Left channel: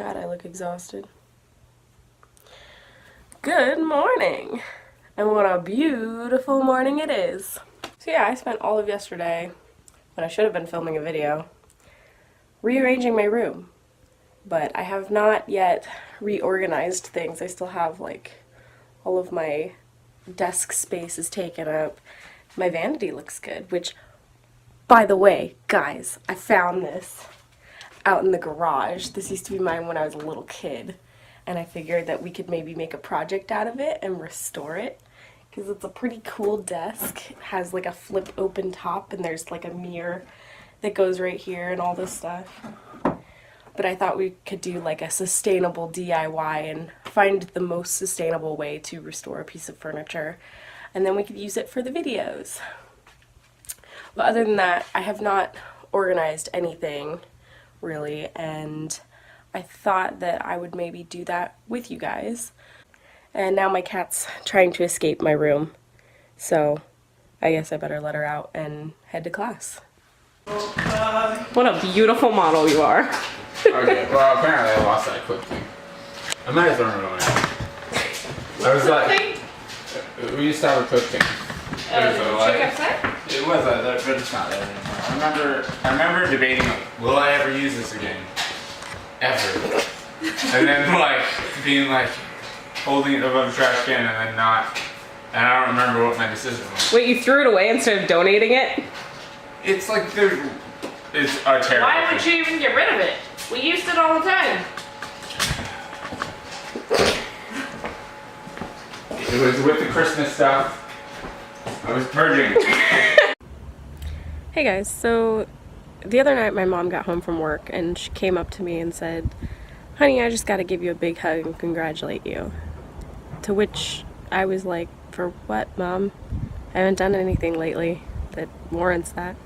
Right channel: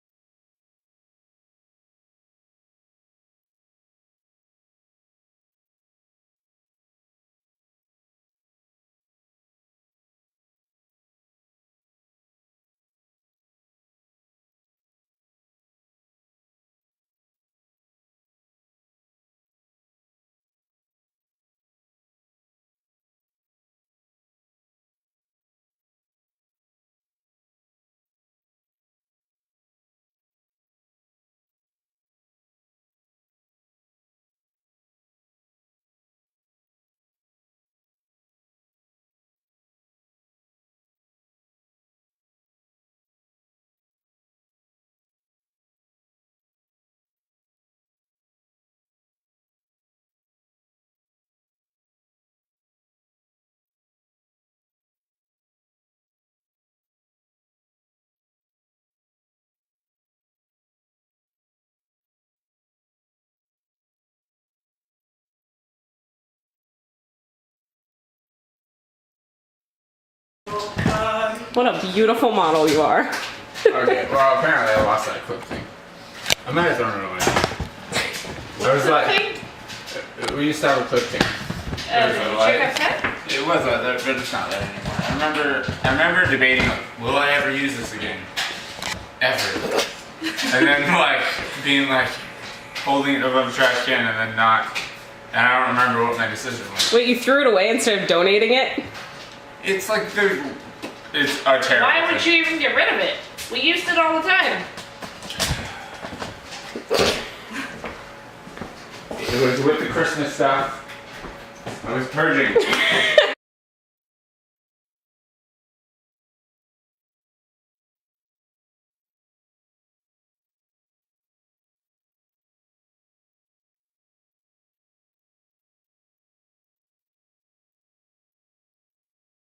God, I look exhausted. Good morning! And what a beautiful morning it is. So yeah, I spent all of yesterday, when I should have been filming a video, rearranging my room. But I have not yet reorganized things. I still have like all of my desk space is taken up. My vanity looks good, which, by the way, guys, I found this out in the garage. This used to be mine when I was a little kid, and I figured that we could maybe make a project out of it and restore it, because it's a pretty cool desk. It has like a flip open top, and there's like a mirror that goes right here and all this stuff. But I thought we could do like a sustainable DIY and find the most sustainable way to restore a piece of furniture, and then we could use it for the videos. But other than that, I have not organized anything really, and I thought that I would maybe do that with you guys. And now my cat's trying to escape my room, so I guess I better let her out and head to class. What a beautiful model you are. Okay, well apparently I lost that clip thing. I might have thrown it away. I was like, we used to have a clip thing. It was but it's not there anymore. I remember debating, like, will I ever use this again? Ever. And then like being like holding it above the trash can and then not. And I don't remember what my decision was. Wait, you threw it away instead of donating it? It's like it's a terrible. Why would you even get rid of it? We used it all the time. It was with the Christmas stuff. I was purging. Hey guys, so the other night my mom got home from work and she came up to me and said, "Honey, I just gotta give you a big hug and congratulate you." To which I was like, "For what, Mom? I haven't done anything lately that warrants that."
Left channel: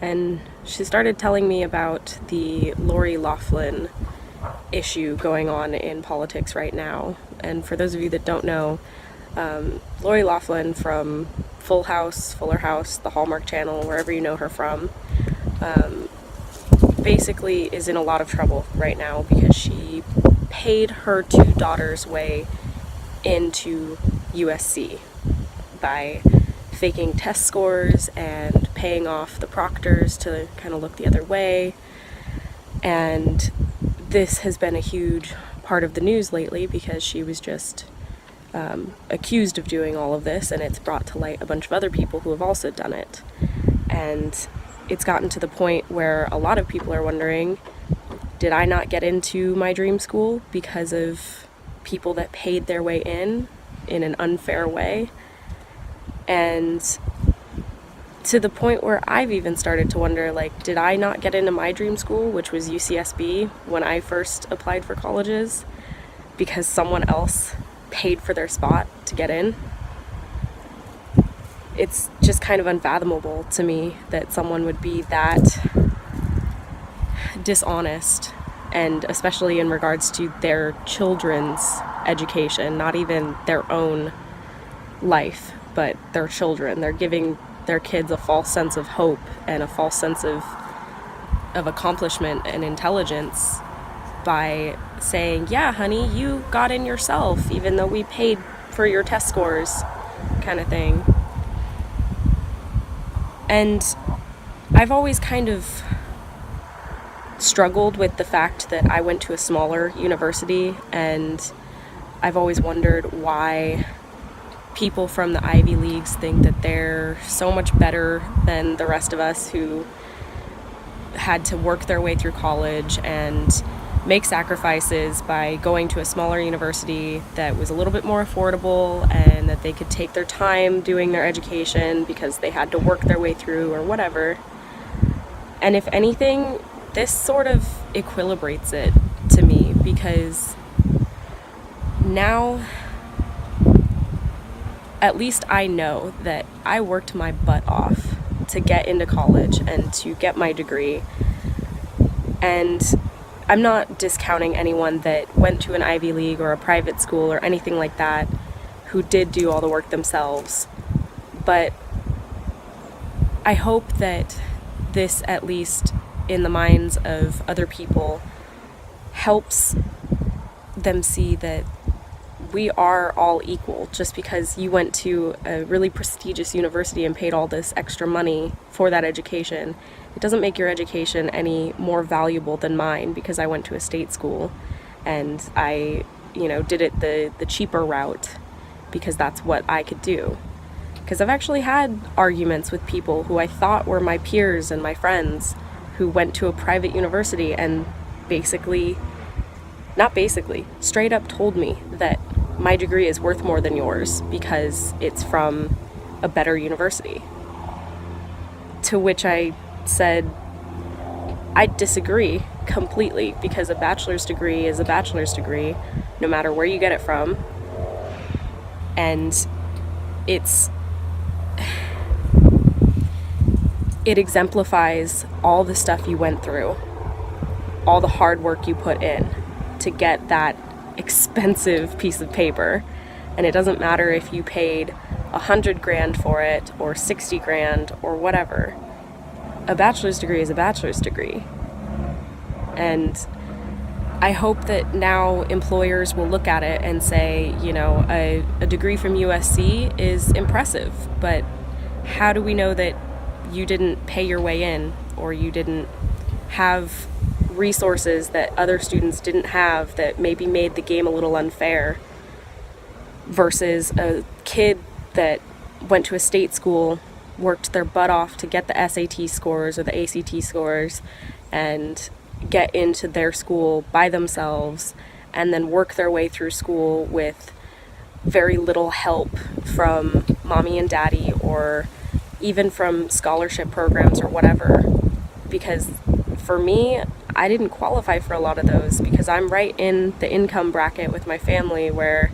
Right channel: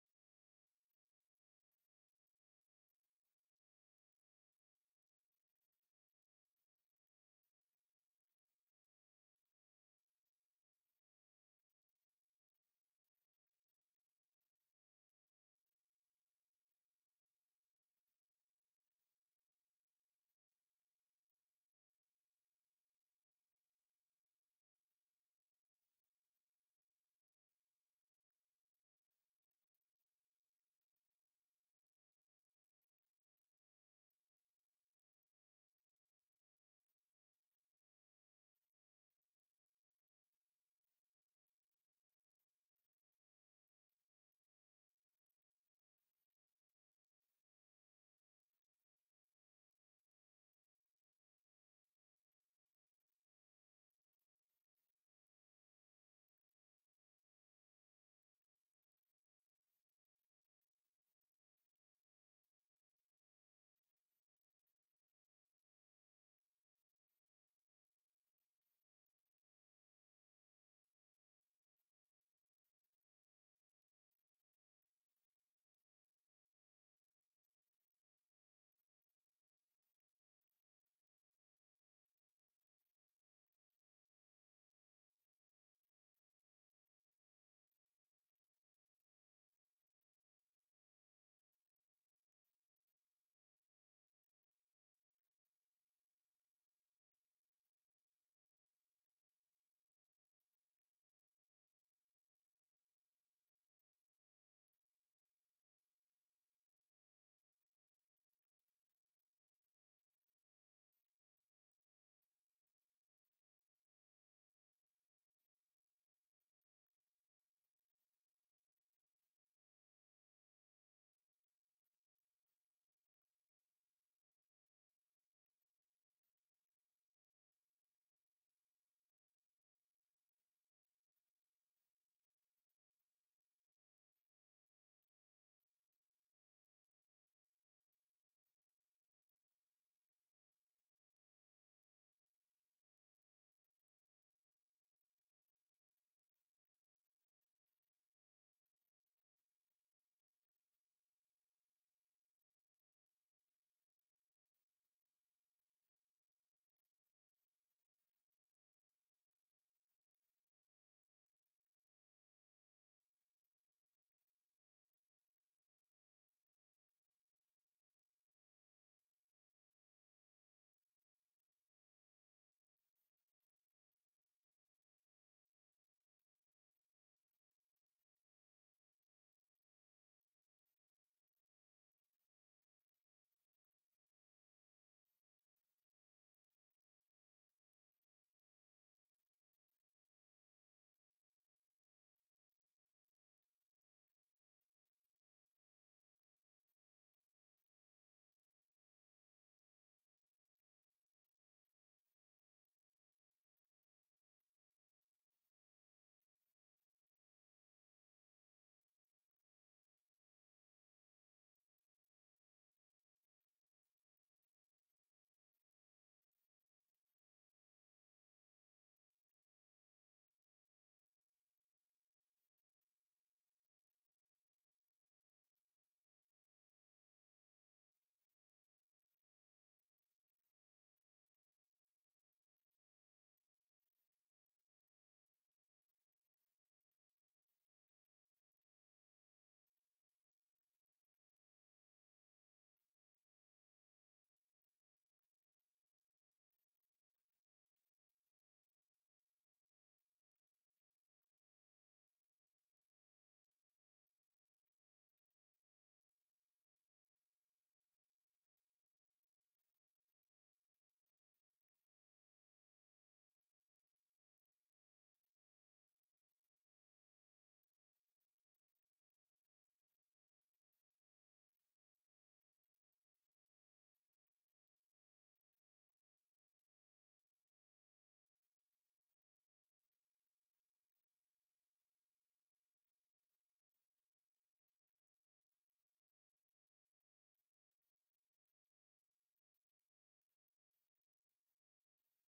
And she started telling me about the Lori Loughlin issue going on in politics right now. And for those of you that don't know, Lori Loughlin from Full House, Fuller House, the Hallmark Channel, wherever you know her from, basically is in a lot of trouble right now because she paid her two daughters' way into USC by faking test scores and paying off the proctors to kind of look the other way. And this has been a huge part of the news lately because she was just accused of doing all of this, and it's brought to light a bunch of other people who have also done it. And it's gotten to the point where a lot of people are wondering, did I not get into my dream school because of people that paid their way in an unfair way? And to the point where I've even started to wonder, like, did I not get into my dream school, which was UCSB, when I first applied for colleges, because someone else paid for their spot to get in? It's just kind of unfathomable to me that someone would be that dishonest, and especially in regards to their children's education, not even their own life, but their children. They're giving their kids a false sense of hope and a false sense of accomplishment and intelligence by saying, "Yeah, honey, you got in yourself, even though we paid for your test scores," kind of thing. And I've always kind of struggled with the fact that I went to a smaller university, and I've always wondered why people from the Ivy Leagues think that they're so much better than the rest of us who had to work their way through college and make sacrifices by going to a smaller university that was a little bit more affordable, and that they could take their time doing their education because they had to work their way through or whatever. And if anything, this sort of equilibrates it to me, because now at least I know that I worked my butt off to get into college and to get my degree. And I'm not discounting anyone that went to an Ivy League or a private school or anything like that who did do all the work themselves. But I hope that this, at least in the minds of other people, helps them see that we are all equal. Just because you went to a really prestigious university and paid all this extra money for that education, it doesn't make your education any more valuable than mine because I went to a state school and I, did it the cheaper route because that's what I could do. Because I've actually had arguments with people who I thought were my peers and my friends who went to a private university and straight up told me that my degree is worth more than yours because it's from a better university. To which I said, I disagree completely, because a bachelor's degree is a bachelor's degree, no matter where you get it from. And it exemplifies all the stuff you went through, all the hard work you put in to get that expensive piece of paper. And it doesn't matter if you paid $100,000 for it or $60,000 or whatever. A bachelor's degree is a bachelor's degree. And I hope that now employers will look at it and say, a degree from USC is impressive, but how do we know that you didn't pay your way in, or you didn't have resources that other students didn't have that maybe made the game a little unfair, versus a kid that went to a state school, worked their butt off to get the SAT scores or the ACT scores and get into their school by themselves, and then work their way through school with very little help from mommy and daddy, or even from scholarship programs or whatever. Because for me, I didn't qualify for a lot of those because I'm right in the income bracket with my family where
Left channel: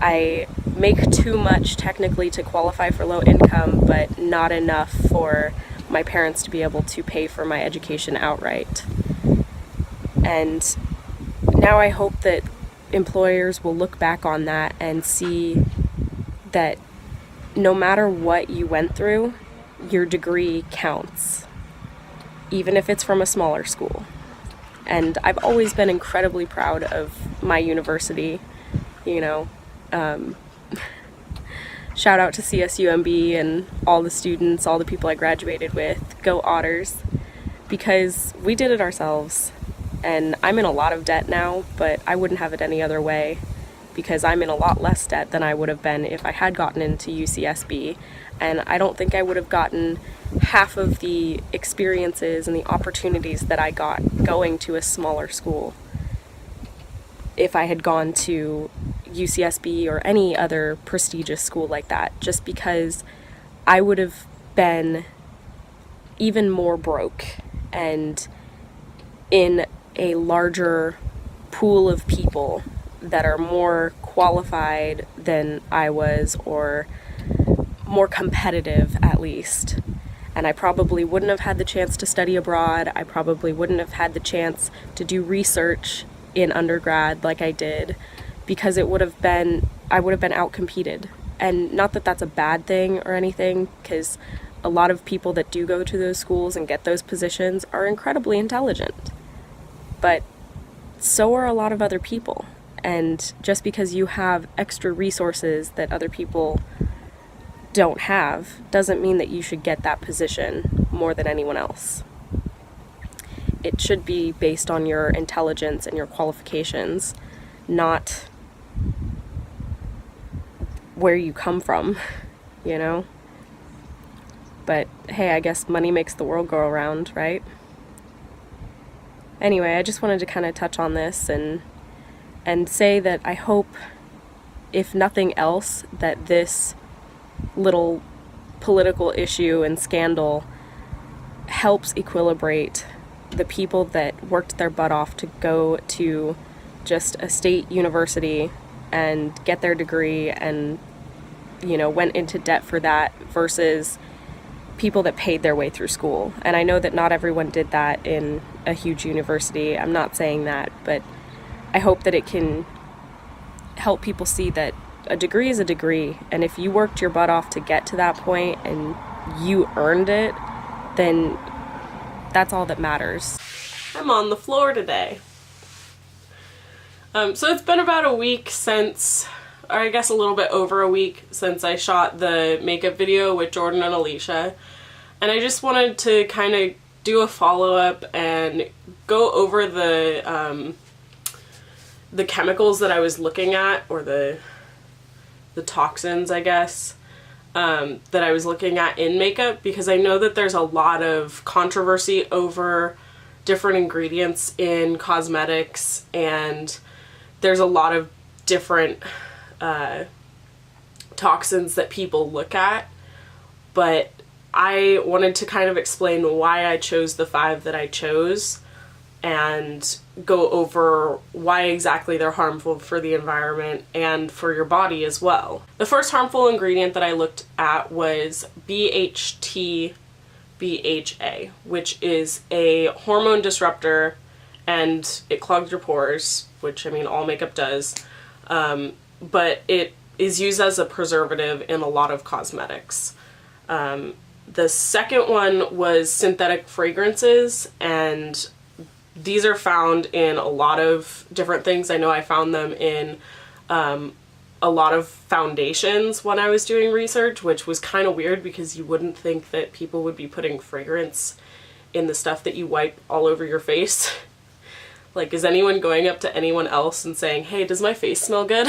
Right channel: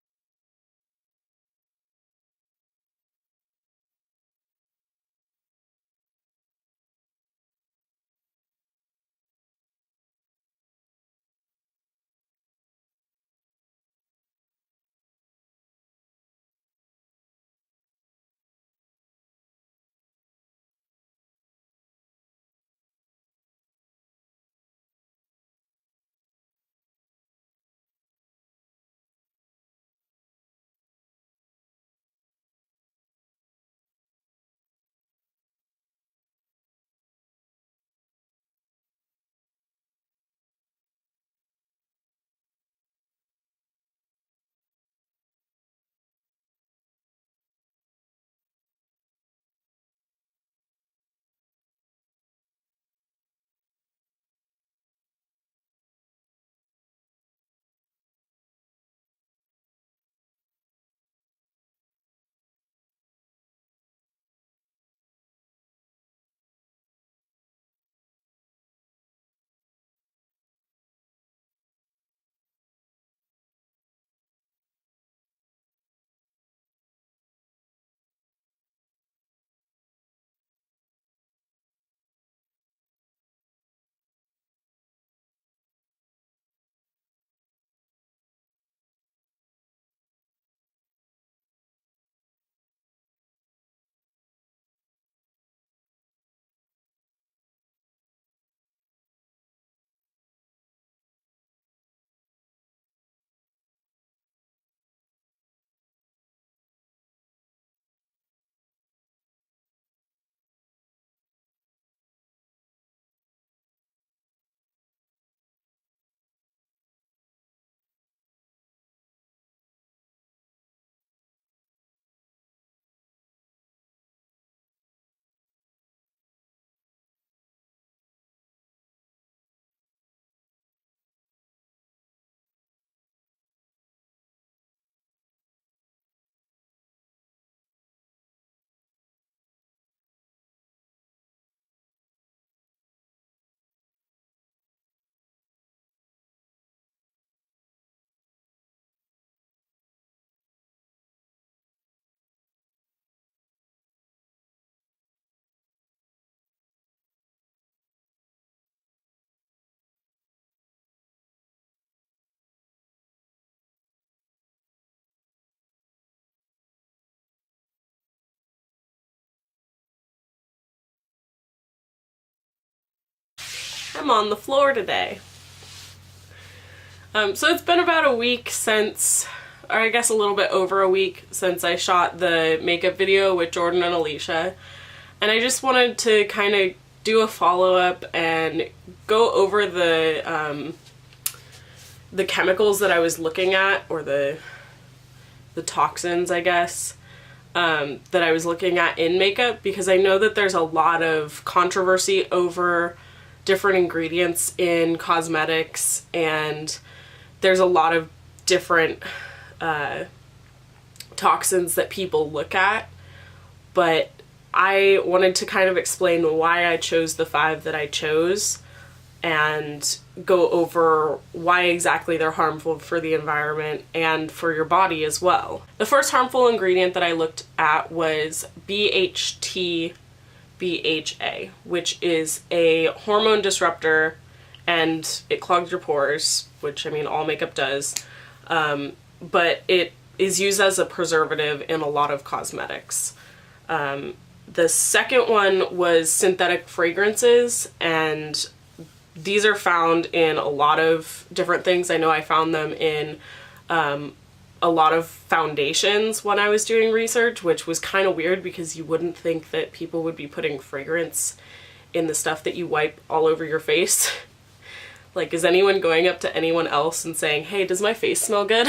I make too much technically to qualify for low income, but not enough for my parents to be able to pay for my education outright. And now I hope that employers will look back on that and see that no matter what you went through, your degree counts, even if it's from a smaller school. And I've always been incredibly proud of my university, shout out to CSUMB and all the students, all the people I graduated with. Go Otters, because we did it ourselves. And I'm in a lot of debt now, but I wouldn't have it any other way, because I'm in a lot less debt than I would have been if I had gotten into UCSB. And I don't think I would have gotten half of the experiences and the opportunities that I got going to a smaller school if I had gone to UCSB or any other prestigious school like that, just because I would have been even more broke and in a larger pool of people that are more qualified than I was, or more competitive at least. And I probably wouldn't have had the chance to study abroad. I probably wouldn't have had the chance to do research in undergrad like I did, because I would have been outcompeted. And not that that's a bad thing or anything, because a lot of people that do go to those schools and get those positions are incredibly intelligent. But so are a lot of other people. And just because you have extra resources that other people don't have doesn't mean that you should get that position more than anyone else. It should be based on your intelligence and your qualifications, not where you come from, But hey, I guess money makes the world go around, right? Anyway, I just wanted to kind of touch on this and say that I hope, if nothing else, that this little political issue and scandal helps equilibrate the people that worked their butt off to go to just a state university and get their degree and, went into debt for that, versus people that paid their way through school. And I know that not everyone did that in a huge university. I'm not saying that, but I hope that it can help people see that a degree is a degree, and if you worked your butt off to get to that point and you earned it, then that's all that matters. I'm on the floor today. So it's been about a week since, or I guess a little bit over a week since I shot the makeup video with Jordan and Alicia. And I just wanted to kind of do a follow-up and go over the chemicals that I was looking at, or the toxins, I guess, that I was looking at in makeup, because I know that there's a lot of controversy over different ingredients in cosmetics, and there's a lot of different toxins that people look at, but I wanted to kind of explain why I chose the 5 that I chose and go over why exactly they're harmful for the environment and for your body as well. The first harmful ingredient that I looked at was BHT BHA, which is a hormone disruptor, and it clogs your pores, which, I mean, all makeup does, but it is used as a preservative in a lot of cosmetics. The second one was synthetic fragrances, and these are found in a lot of different things. I know I found them in a lot of foundations when I was doing research, which was kind of weird because you wouldn't think that people would be putting fragrance in the stuff that you wipe all over your face. Like, is anyone going up to anyone else and saying, hey, does my face smell good?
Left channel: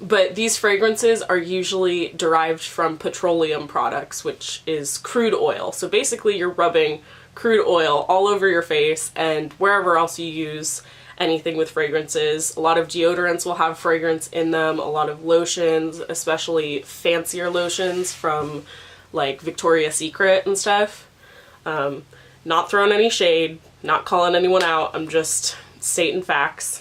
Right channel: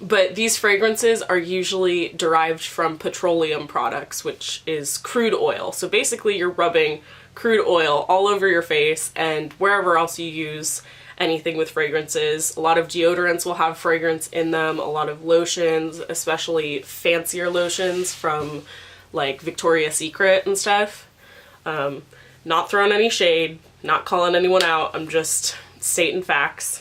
But these fragrances are usually derived from petroleum products, which is crude oil. So basically you're rubbing crude oil all over your face and wherever else you use anything with fragrances. A lot of deodorants will have fragrance in them, a lot of lotions, especially fancier lotions from like Victoria's Secret and stuff. Not throwing any shade, not calling anyone out, I'm just stating facts.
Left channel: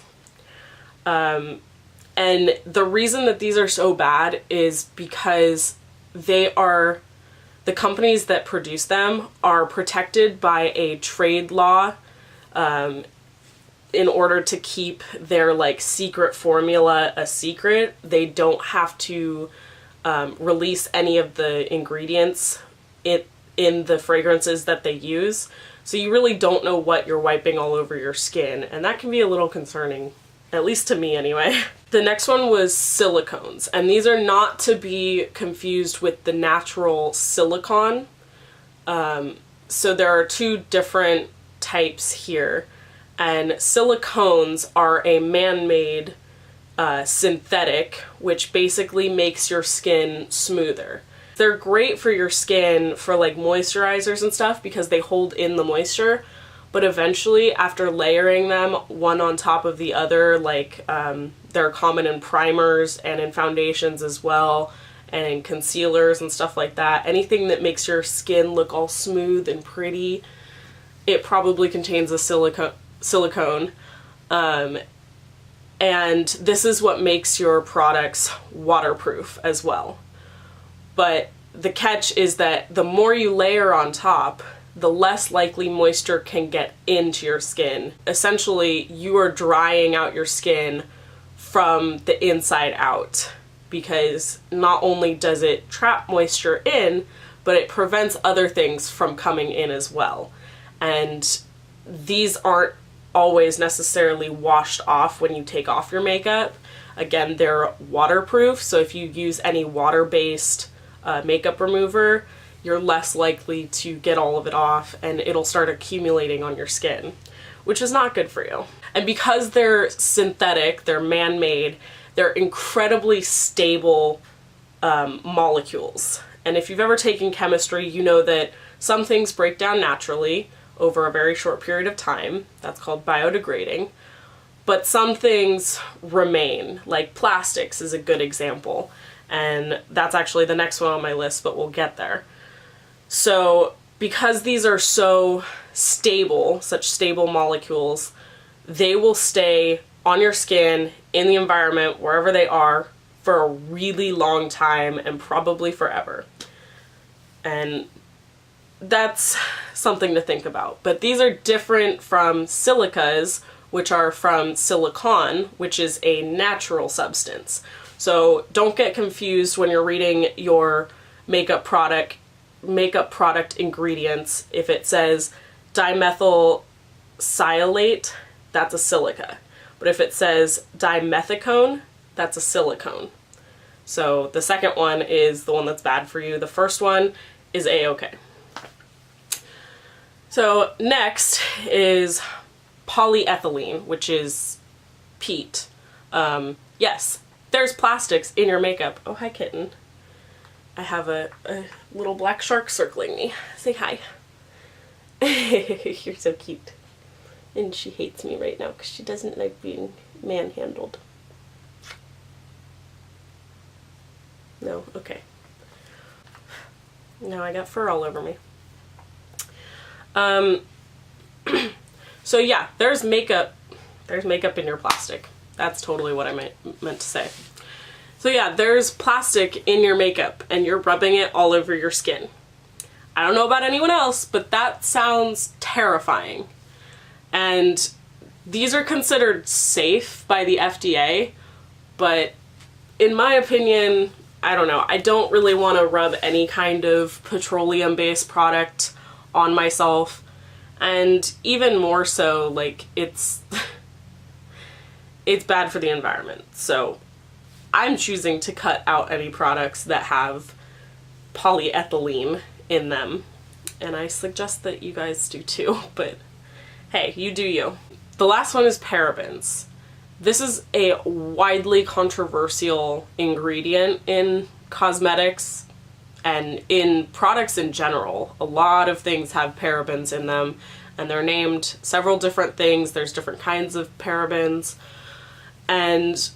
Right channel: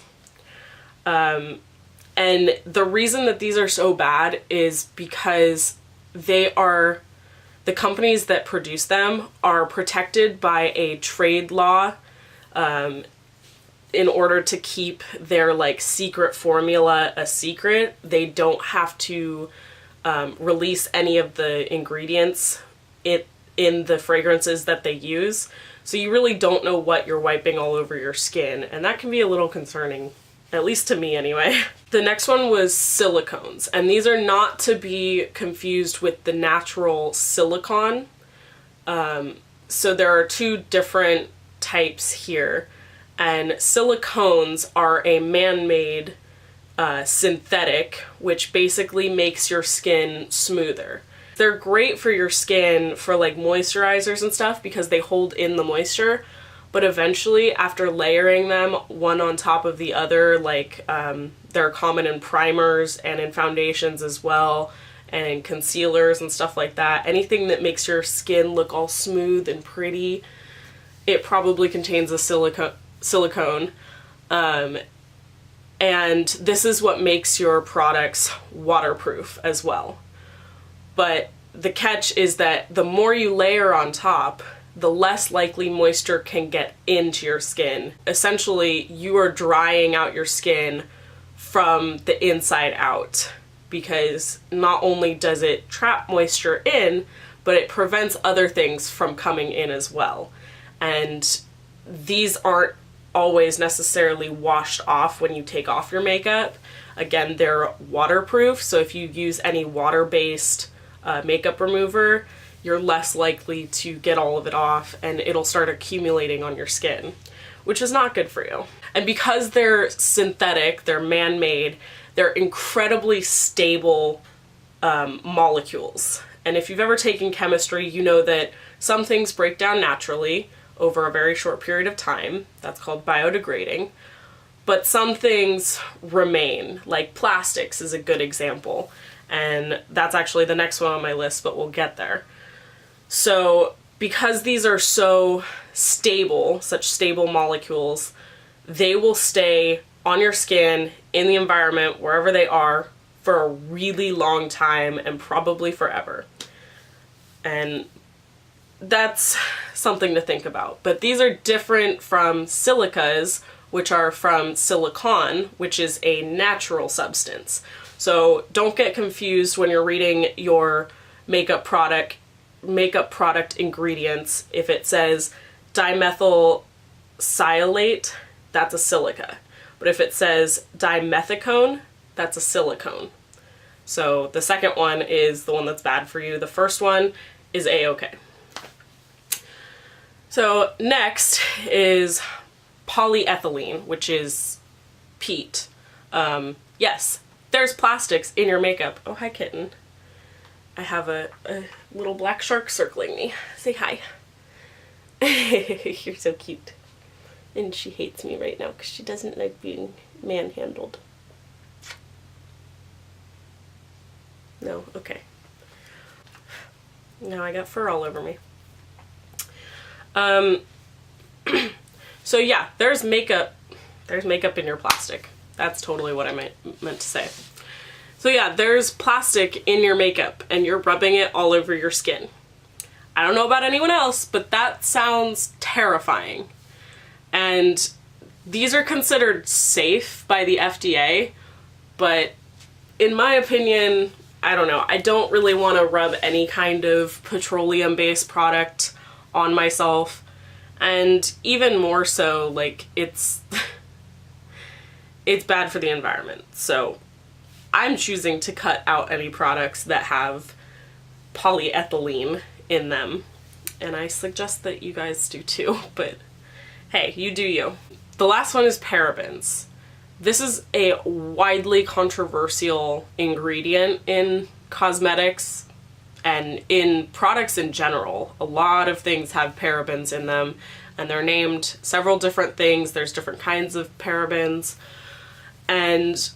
And the reason that these are so bad is because the companies that produce them are protected by a trade law in order to keep their like secret formula a secret. They don't have to release any of the ingredients in the fragrances that they use. So you really don't know what you're wiping all over your skin, and that can be a little concerning. At least to me, anyway. The next one was silicones, and these are not to be confused with the natural silicone. So there are 2 different types here, and silicones are a man-made synthetic, which basically makes your skin smoother. They're great for your skin for like moisturizers and stuff because they hold in the moisture. But eventually, after layering them one on top of the other, like they're common in primers and in foundations as well, and in concealers and stuff like that, anything that makes your skin look all smooth and pretty, it probably contains a silicone. And this is what makes your products waterproof as well. But the catch is that the more you layer on top, the less likely moisture can get into your skin. Essentially, you are drying out your skin from the inside out, because not only does it trap moisture in, but it prevents other things from coming in as well. And these aren't always necessarily washed off when you take off your makeup. Again, they're waterproof, so if you use any water-based makeup remover, you're less likely to get all of it off, and it'll start accumulating on your skin, which is not good for you. And because they're synthetic, they're man-made, they're incredibly stable molecules. And if you've ever taken chemistry, you know that some things break down naturally over a very short period of time. That's called biodegrading. But some things remain, like plastics is a good example. And that's actually the next one on my list, but we'll get there. So because these are so stable, such stable molecules, they will stay on your skin, in the environment, wherever they are, for a really long time and probably forever. And that's something to think about. But these are different from silicas, which are from silicon, which is a natural substance. So don't get confused when you're reading your makeup product ingredients. If it says dimethyl sialate, that's a silica. But if it says dimethicone, that's a silicone. So the second one is the one that's bad for you. The first one is A-okay. So next is polyethylene, which is peat. Yes, there's plastics in your makeup. Oh, hi, kitten. I have a little black shark circling me. Say hi. You're so cute. And she hates me right now because she doesn't like being manhandled. No? Okay. Now I got fur all over me. So yeah, there's makeup in your plastic. That's totally what I meant to say. So yeah, there's plastic in your makeup and you're rubbing it all over your skin. I don't know about anyone else, but that sounds terrifying. And these are considered safe by the FDA, but in my opinion, I don't know, I don't really want to rub any kind of petroleum-based product on myself. And even more so, like, it's bad for the environment. So I'm choosing to cut out any products that have polyethylene in them. And I suggest that you guys do too, but hey, you do you. The last one is parabens. This is a widely controversial ingredient in cosmetics and in products in general. A lot of things have parabens in them, and they're named several different things. There's different kinds of parabens. And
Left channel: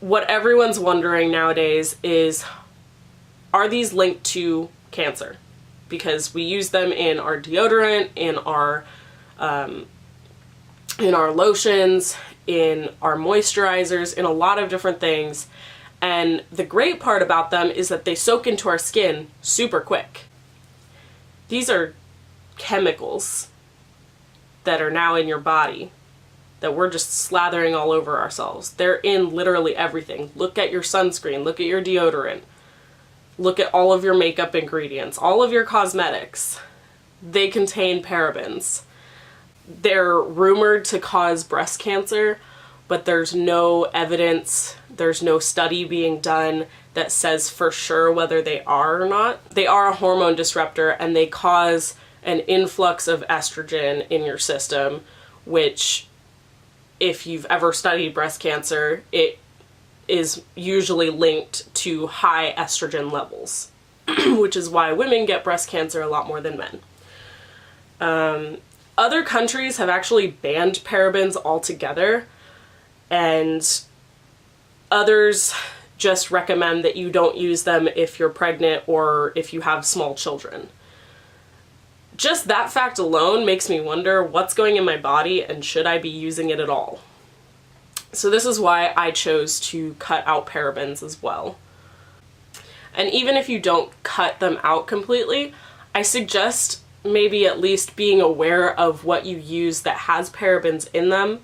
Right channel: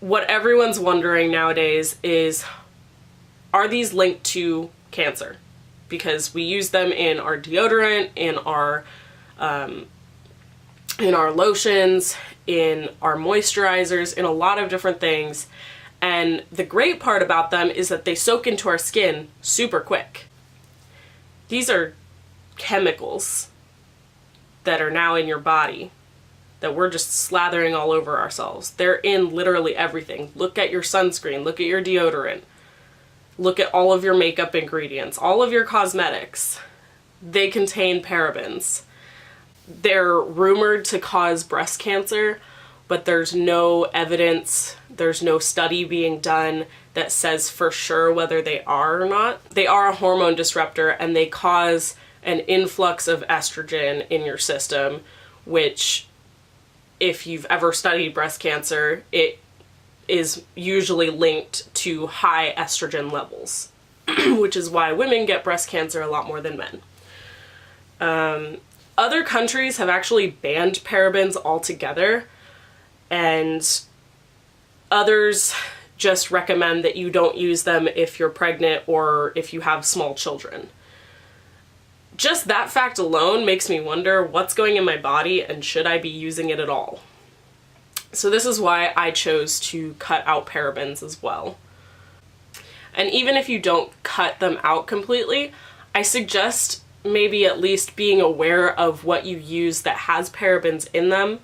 what everyone's wondering nowadays is, are these linked to cancer? Because we use them in our deodorant, in our lotions, in our moisturizers, in a lot of different things. And the great part about them is that they soak into our skin super quick. These are chemicals that are now in your body that we're just slathering all over ourselves. They're in literally everything. Look at your sunscreen, look at your deodorant, look at all of your makeup ingredients, all of your cosmetics. They contain parabens. They're rumored to cause breast cancer, but there's no evidence, there's no study being done that says for sure whether they are or not. They are a hormone disruptor, and they cause an influx of estrogen in your system, which, if you've ever studied breast cancer, it is usually linked to high estrogen levels, which is why women get breast cancer a lot more than men. Other countries have actually banned parabens altogether, and others just recommend that you don't use them if you're pregnant or if you have small children. Just that fact alone makes me wonder what's going in my body and should I be using it at all. So this is why I chose to cut out parabens as well. And even if you don't cut them out completely, I suggest maybe at least being aware of what you use that has parabens in them,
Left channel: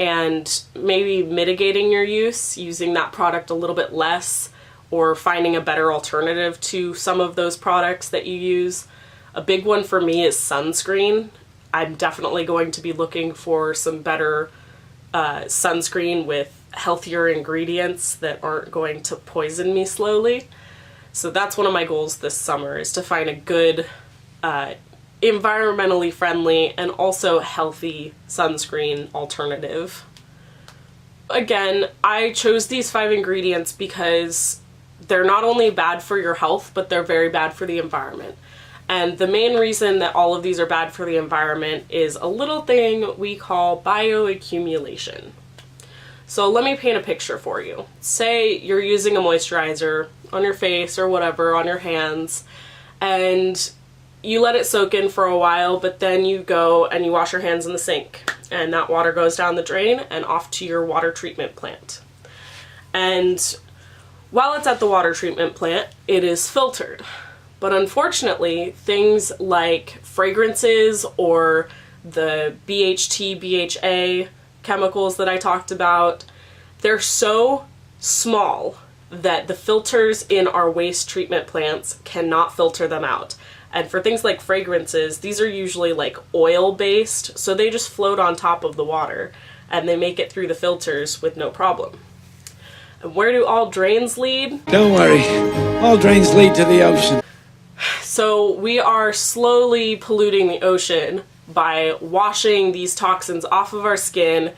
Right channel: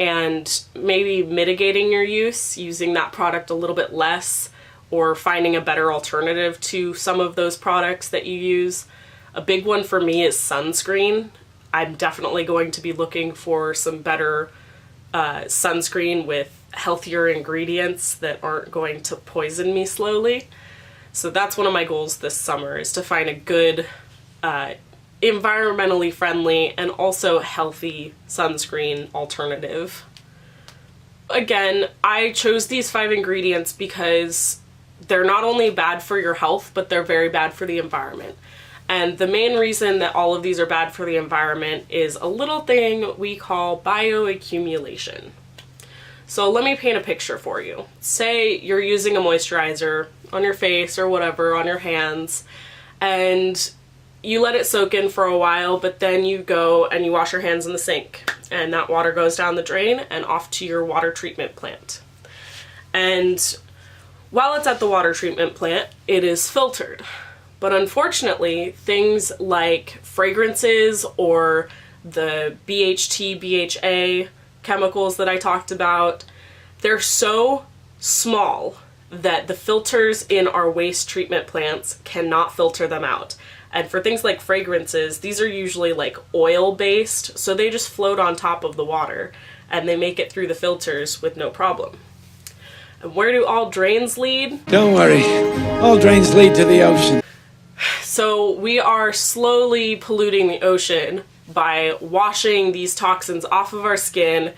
and maybe mitigating your use, using that product a little bit less, or finding a better alternative to some of those products that you use. A big one for me is sunscreen. I'm definitely going to be looking for some better sunscreen with healthier ingredients that aren't going to poison me slowly. So that's one of my goals this summer, is to find a good, environmentally friendly and also healthy sunscreen alternative. Again, I chose these 5 ingredients because they're not only bad for your health, but they're very bad for the environment. And the main reason that all of these are bad for the environment is a little thing we call bioaccumulation. So let me paint a picture for you. Say you're using a moisturizer on your face or whatever, on your hands, and you let it soak in for a while, but then you go and you wash your hands in the sink, and that water goes down the drain and off to your water treatment plant. And while it's at the water treatment plant, it is filtered. But unfortunately, things like fragrances or the BHT, BHA chemicals that I talked about, they're so small that the filters in our waste treatment plants cannot filter them out. And for things like fragrances, these are usually like oil-based, so they just float on top of the water, and they make it through the filters with no problem. And where do all drains lead? Don't worry, all drains lead to the ocean. So we are slowly polluting the ocean by washing these toxins off of our skin,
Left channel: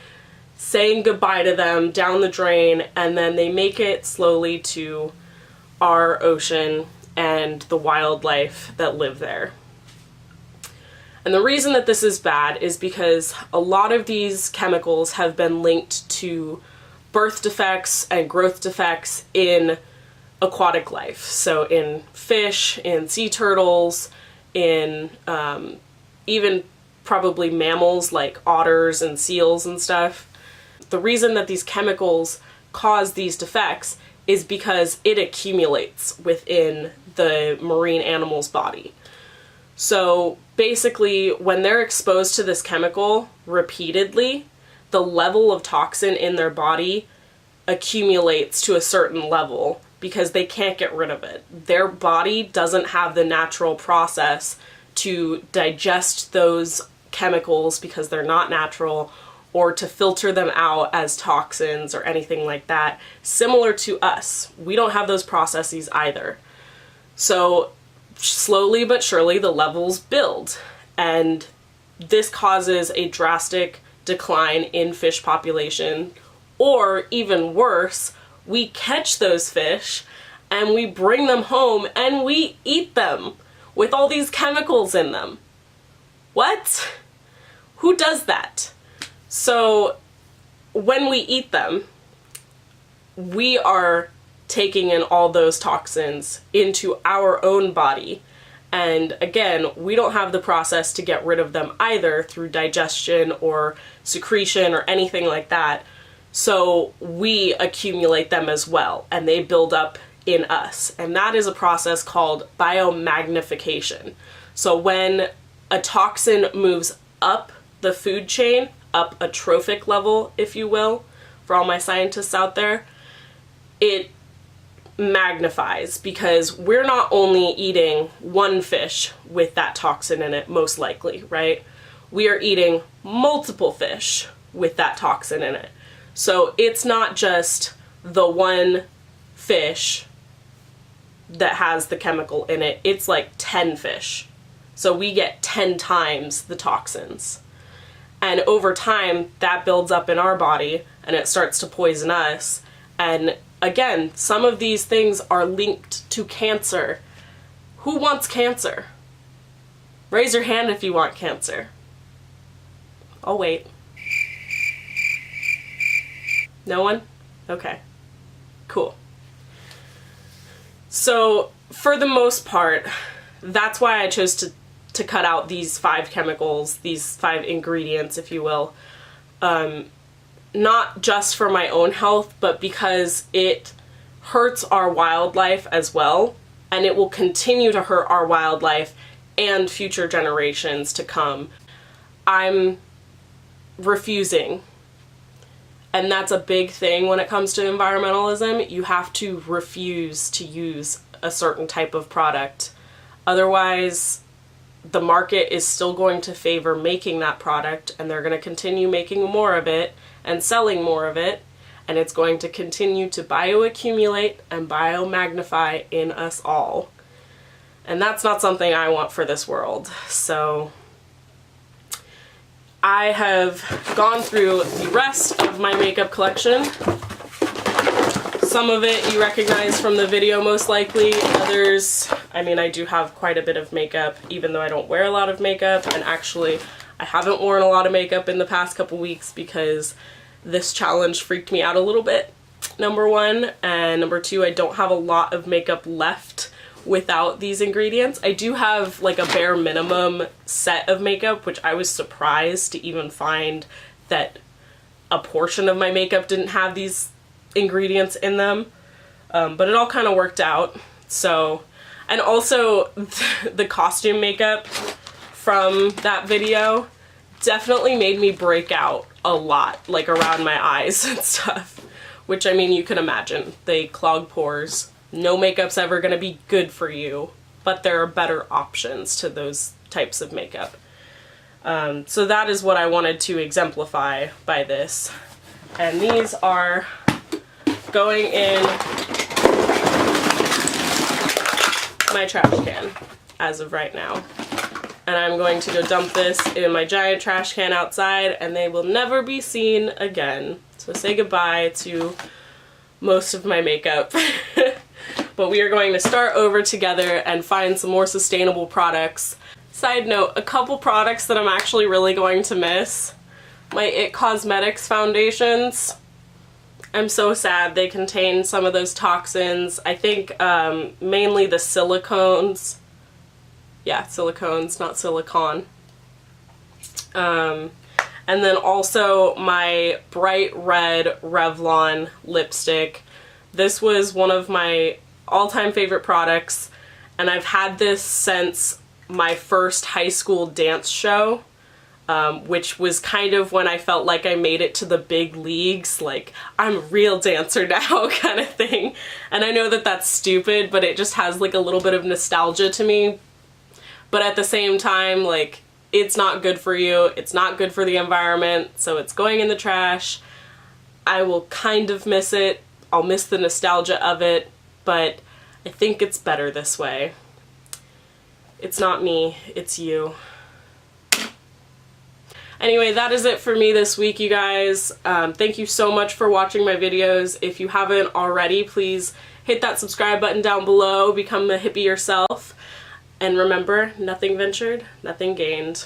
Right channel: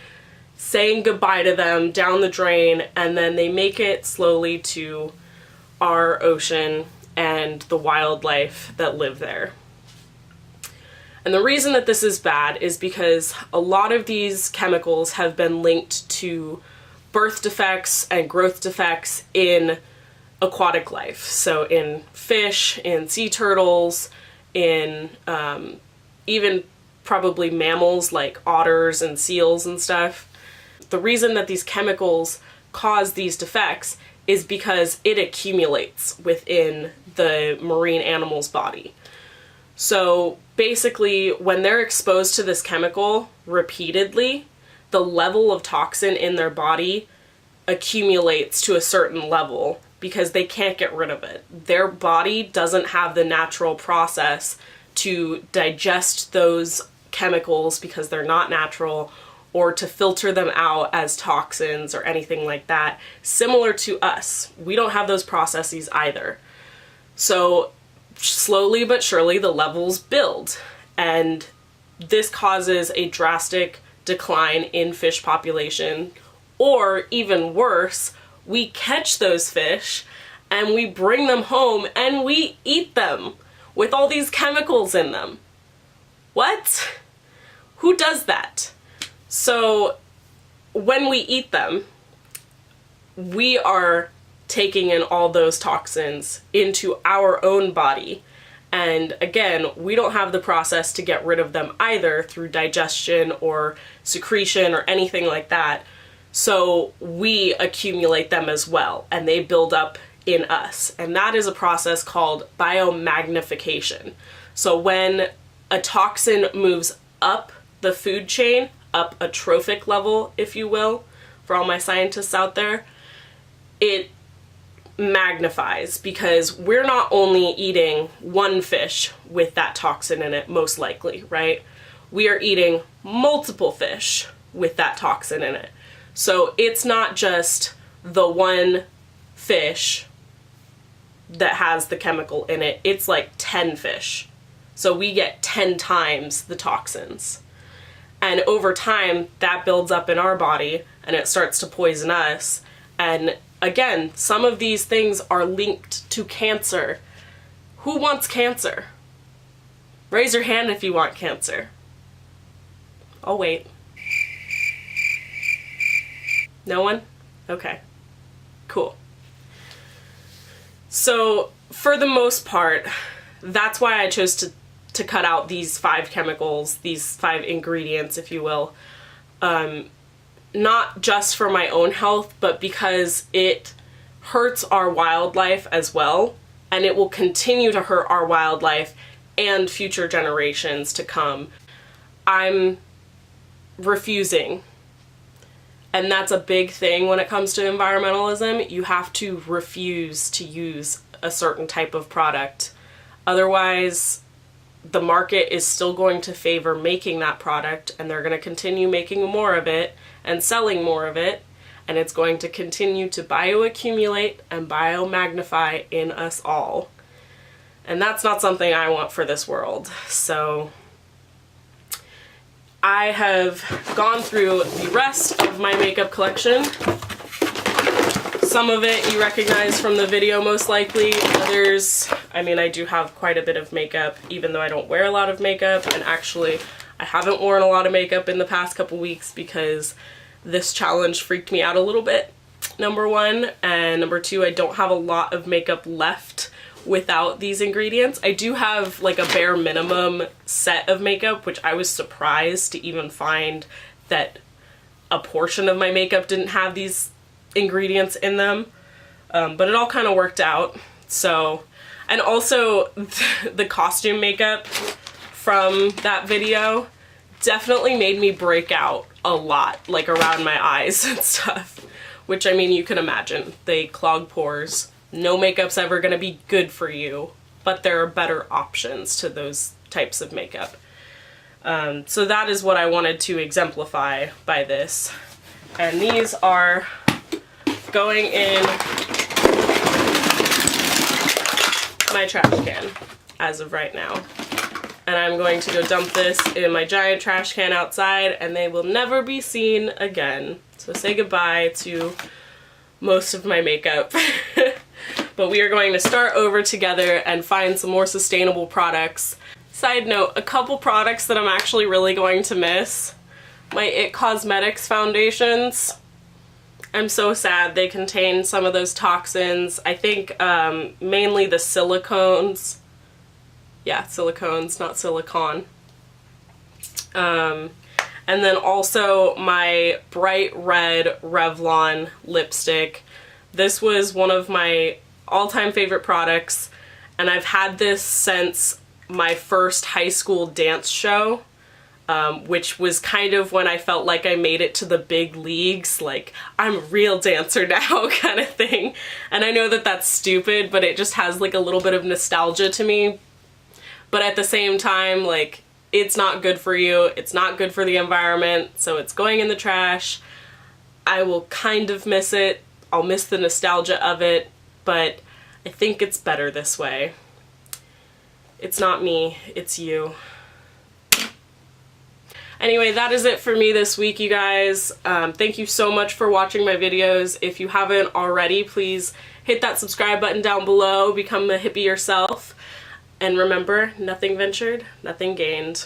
saying goodbye to them down the drain, and then they make it slowly to our ocean and the wildlife that live there. And the reason that this is bad is because a lot of these chemicals have been linked to birth defects and growth defects in aquatic life. So in fish, in sea turtles, in even probably mammals like otters and seals and stuff. The reason that these chemicals cause these defects is because it accumulates within the marine animal's body. So basically, when they're exposed to this chemical repeatedly, the level of toxin in their body accumulates to a certain level because they can't get rid of it. Their body doesn't have the natural process to digest those chemicals because they're not natural, or to filter them out as toxins or anything like that. Similar to us, we don't have those processes either. So slowly but surely the levels build, and this causes a drastic decline in fish population, or even worse, we catch those fish and we bring them home and we eat them with all these chemicals in them. What? Who does that? So when we eat them, we are taking in all those toxins into our own body. And again, we don't have the process to get rid of them either through digestion or secretion or anything like that. So we accumulate them as well, and they build up in us. And that is a process called biomagnification. So when a toxin moves up the food chain, up a trophic level, if you will, for all my scientists out there, it magnifies, because we're not only eating one fish with that toxin in it, most likely, right? We are eating multiple fish with that toxin in it. So it's not just the one fish that has the chemical in it, it's like 10 fish. So we get 10 times the toxins. And over time, that builds up in our body and it starts to poison us. And again, some of these things are linked to cancer. Who wants cancer? Raise your hand if you want cancer. I'll wait. No one? Okay. Cool. So, for the most part, that's why I chose to cut out these 5 chemicals, these 5 ingredients, if you will. Not just for my own health, but because it hurts our wildlife as well, and it will continue to hurt our wildlife and future generations to come. I'm refusing. And that's a big thing when it comes to environmentalism. You have to refuse to use a certain type of product. Otherwise, the market is still going to favor making that product, and they're going to continue making more of it and selling more of it, and it's going to continue to bioaccumulate and biomagnify in us all. And that's not something I want for this world. So I have gone through the rest of my makeup collection. Some of it you recognize from the video most likely. Others, I mean, I do have quite a bit of makeup, even though I don't wear a lot of makeup. And actually, I haven't worn a lot of makeup in the past couple weeks because this challenge freaked me out a little bit, number one. And number two, I don't have a lot of makeup left without these ingredients. I do have like a bare minimum set of makeup, which I was surprised to even find that a portion of my makeup didn't have these ingredients in them. But it all kind of worked out. So, and also the costume makeup from that video definitely made me break out a lot, like around my eyes and stuff, which, I mean, you can imagine. They clog pores. No makeup's ever gonna be good for you but there are better options to those types of makeup. So that is what I wanted to exemplify by this. And these are going in my trash can as of right now. And I'm going to go dump this in my giant trash can outside, and they will never be seen again. So say goodbye to most of my makeup. But we are going to start over together and find some more sustainable products. Side note, a couple products that I'm actually really going to miss. My IT Cosmetics foundations. I'm so sad. They contain some of those toxins. I think mainly the silicones. Yeah, silicones, not silicone. And then also my bright red Revlon lipstick. This was one of my all-time favorite products, and I've had this since my first high school dance show, which was kind of when I felt like I made it to the big leagues, like, I'm a real dancer now kind of thing. And I know that that's stupid, but it just has like a little bit of nostalgia to me. But at the same time, like, it's not good for you, it's not good for the environment, so it's going in the trash. I will kind of miss it, I'll miss the nostalgia of it, but I think it's better this way. It's not me, it's you. Anyway, that is it for me this week, you guys. Thank you so much for watching my videos. If you haven't already, please hit that subscribe button down below, become a hippie yourself. And remember, nothing ventured, nothing gained.